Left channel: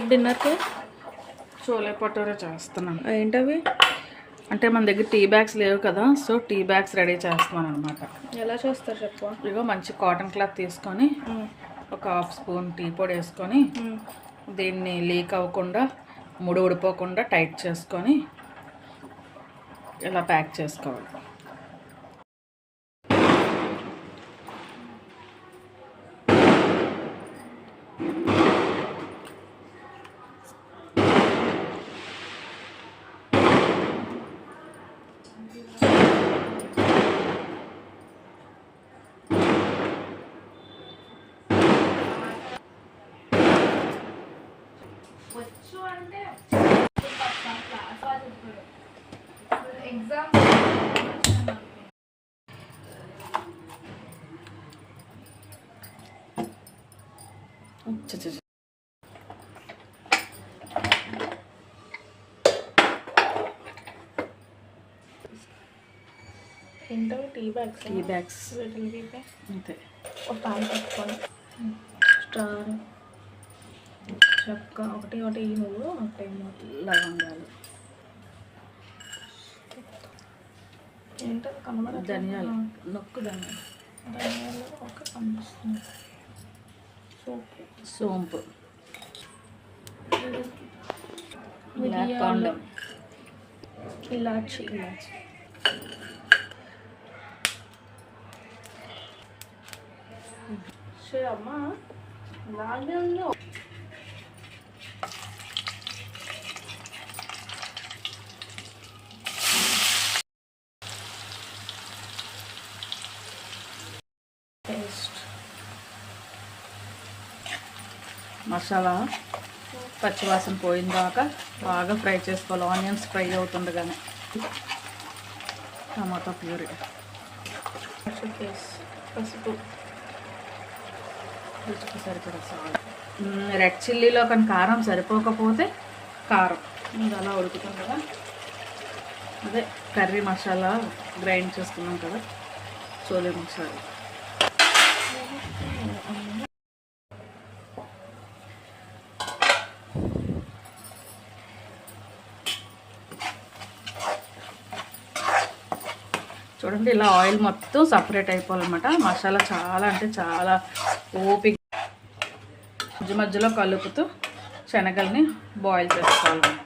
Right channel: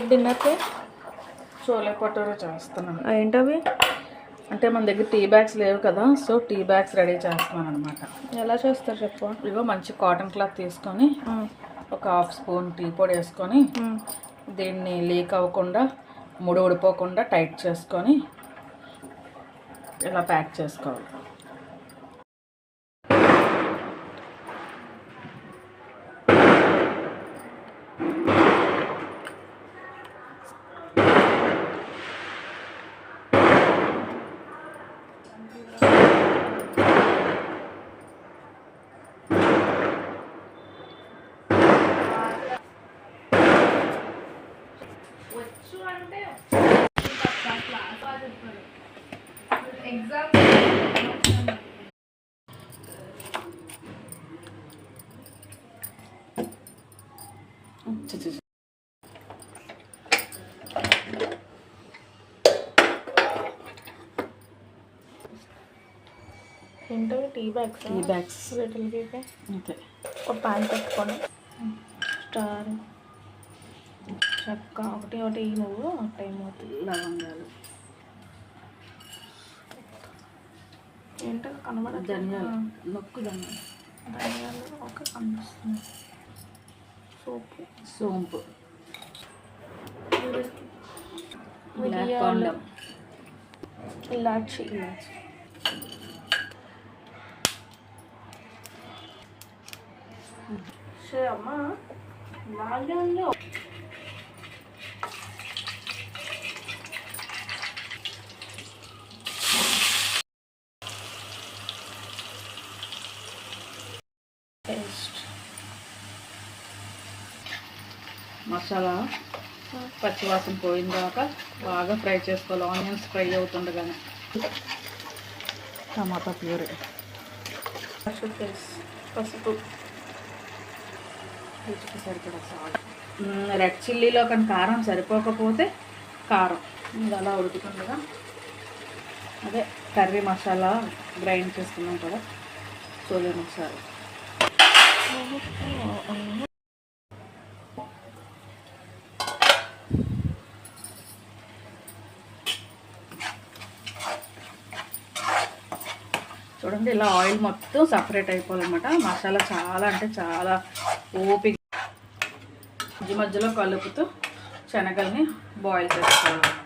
డిన్నర్కి చోలే భటూరే చేస్తున్నాను. ఏంటవి? అంటే మన దగ్గర టీ బ్యాగ్స్ లేవు కదా, సో టీ బ్యాగ్స్ రెడీ చేస్తున్నాను అనమాట. ఎలా చేస్తారు చెప్పు. ఇగో మంచి కాటన్ క్లాత్ తీసుకొని ఒక హాఫ్ స్పూన్ టీ పొడి వేసుకొని దీన్ని లీక్ అవ్వకుండా ముడి ఊడిపోకుండా టైట్ చేసుకొని ఇలా ప్యాక్ చేసుకోవాలి. ఏంటో tea bags little tea bag అంతే. ఒక ప్యాన్ పెట్టుకొని స్టార్ చెక్క ఒకటి నువ్వు ఒకటి లవంగాలు ఏంటో కనబడ ధనియాలు నొక్కు ధనియాలు ఒక కనిపిస్తుంది. సోంపు ఇలాచి అమ్మా ఇలాగే ఉంది. మసాలా పచ్చివాసన పోయిన దాకా బాగా ఫ్రై చేసుకోవాలి. ఆనియన్స్ ఫ్రై అవుతుండగానే టమాటా ప్యూరీ, పసుపు, రుచికి సరిపడా సాల్ట్. రెడ్ చిల్లీలో కానీ కారం సరిపోకపోతే కారం ఇది అలా ఉడుకుతుండగా అదే కర్రీ మసాలా గ్రైండ్ చేసుకున్నాం కదా, చోలే మసాలా. చూడండి ఇలా ఆయిల్ మొత్తం సపరేట్ అయిపోవాలన్నమాట. మసాలా చాలా అంటే చాలా ఓపిక మధ్య మధ్యలో కలుపుతూ శనగల్ని బాయిల్ చేసుకోవాలన్నమాట.